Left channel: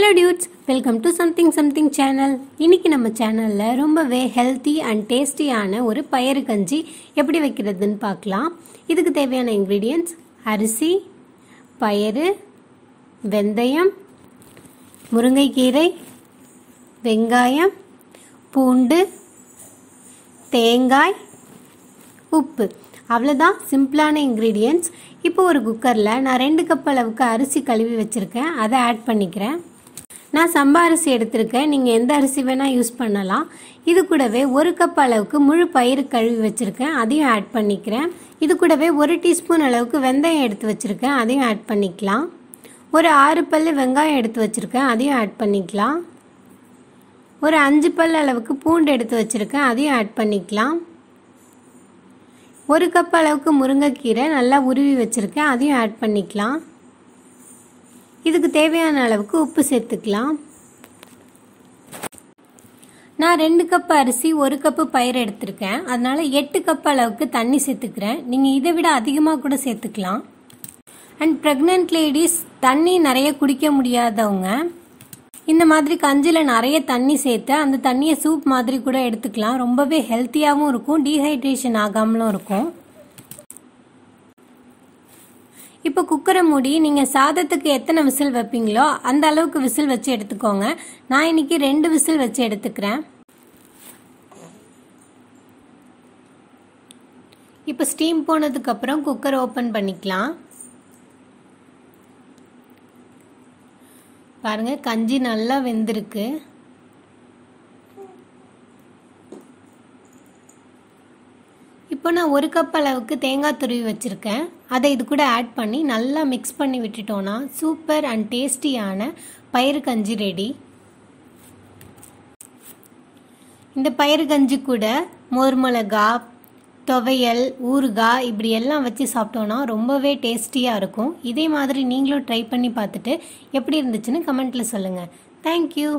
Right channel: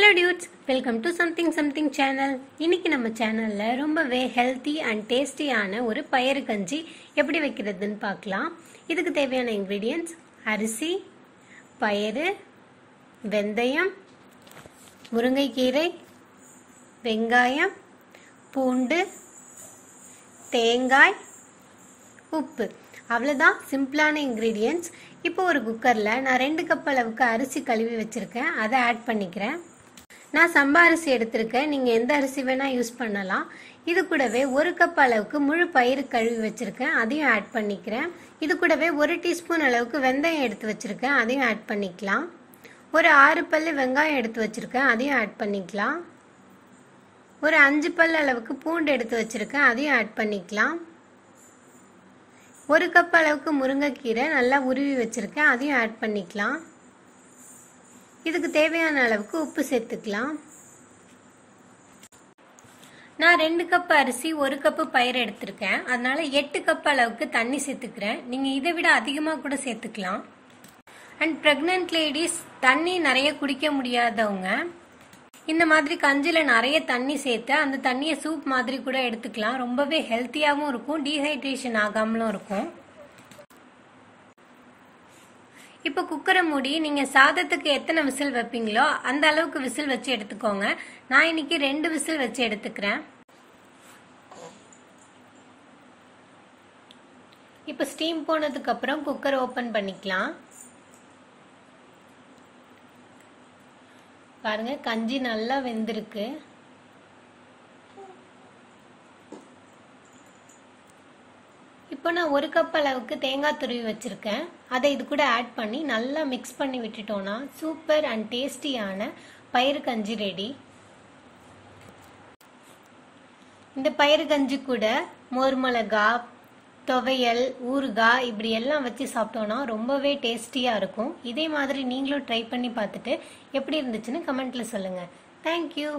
Hello dudes, welcome to something channel. இன்னைக்கு நம்ம சேனல்ல ரொம்பவே ஹெல்தி அண்ட் டேஸ்டியான ஒரு பயறு கஞ்சி எப்படி வைக்கிறதுன்னு பார்க்கலாம். இதுக்கு தேவையான இன்கிரிடியன்ட்ஸ் அரிசி, பயறு, வெந்தயம், முருங்கைக்கீரை, வெங்காயம், பூண்டு, தேங்காய், உப்பு. அவ்வளவுதான் சிம்பிளான இன்கிரிடியன்ட்ஸ். இப்போ ஒரு குக்கர்ல நான் 2 கப் அளவுக்கு அரிசி கழுவி வச்சிருக்கேன். அதை ஆட் பண்ணிக்கிறேன். நான் சம்பா அரிசி எடுத்திருக்கேன். நீங்க எந்த அரிசி வேணா யூஸ் பண்ணலாம். இது கூடவே 1 கப் அளவுக்கு முழு பயிறு கழுவி வச்சிருக்கேன். அதையும் ஆட் பண்ணிக்கிறேன். இது கூடவே 1 டீஸ்பூன் அளவுக்கு வெந்தயம் எடுத்து வச்சிருக்கேன். அதையும் ஆட் பண்ணிக்கலாம். ஒரு 6 பல்லு வெங்காயம் எடுத்து வச்சிருக்கேன். அதையும் ஆட் பண்ணிக்கலாம். ஒரு 5 பல் அளவுக்கு பூண்டு எடுத்து வச்சிருக்கேன். அதையும் ஆட் பண்ணிக்கலாம். 1 கப் அளவுக்கு முருங்கைக்கீரை நல்லா உருவி வச்சிருக்கேன். அதையும் ஆட் பண்ணிக்கலாம். இதுக்கு தேவையான அளவுக்கு உப்பு சேர்த்துக்கலாம். நான் 2 கப் அரிசி 1 கப் பயிர் எடுத்திருக்கேன். அதனால 8 கப் அளவுக்கு தண்ணி சேர்த்துக்கிறேன். நீங்க இதை விட அதிகமா கூட சேர்த்துக்கலாம். அண்ட் பிரெக்னன்ட் லேடிஸ் தண்ணி நிறைய குடிக்க முடியாதவங்க இந்த மாதிரி கஞ்சில நிறைய தண்ணி சேர்த்து அந்த தண்ணியை சூப் மாதிரி கூட எடுத்துக்கலாம். ரொம்பவே ஹெல்த்தியாவும் இருக்கும், டீஹைட்ரேஷன் ஆகாமலும் இருக்கும். இப்போ குக்கரை மூடி நீங்க சாதத்துக்கு எத்தனை விசில் வைப்பீங்களோ அந்த அளவுக்கு விசில் வச்சு எடுத்துக்கோங்க. நான் இன்னைக்கு 2 விசில் வச்சு எடுத்துக்கிறேன். இப்போ ஸ்டீம் போனதுக்கு அப்புறம் குக்கர் ஓபன் பண்ணிக்கலாம். பாருங்க, கஞ்சி நல்லா வெந்திருக்கு. இப்போ நான் 1 கப் அளவுக்கு தேங்காய் துருவி வச்சிருக்கேன். அதை இது கூட ஆட் பண்ணி நல்லா மிக்ஸ் பண்ணி விட்டுட்டோம்னா சூப்பர் அண்ட் டேஸ்டியான பயிறு கஞ்சி ரெடி. இந்த பயிறு கஞ்சி கூட மோர் மிளகா, துவையல், ஊறுகாய் இப்படி எல்லாம் வச்சு சாப்பிட்டோம்னா ரொம்பவே டேஸ்டியா இருக்கும். இதே மாதிரி நீங்களும் ட்ரை பண்ணி பார்த்துட்டு எப்படி இருந்துச்சுன்னு கமெண்ட்ல சொல்லுங்க. தேங்க்யூ.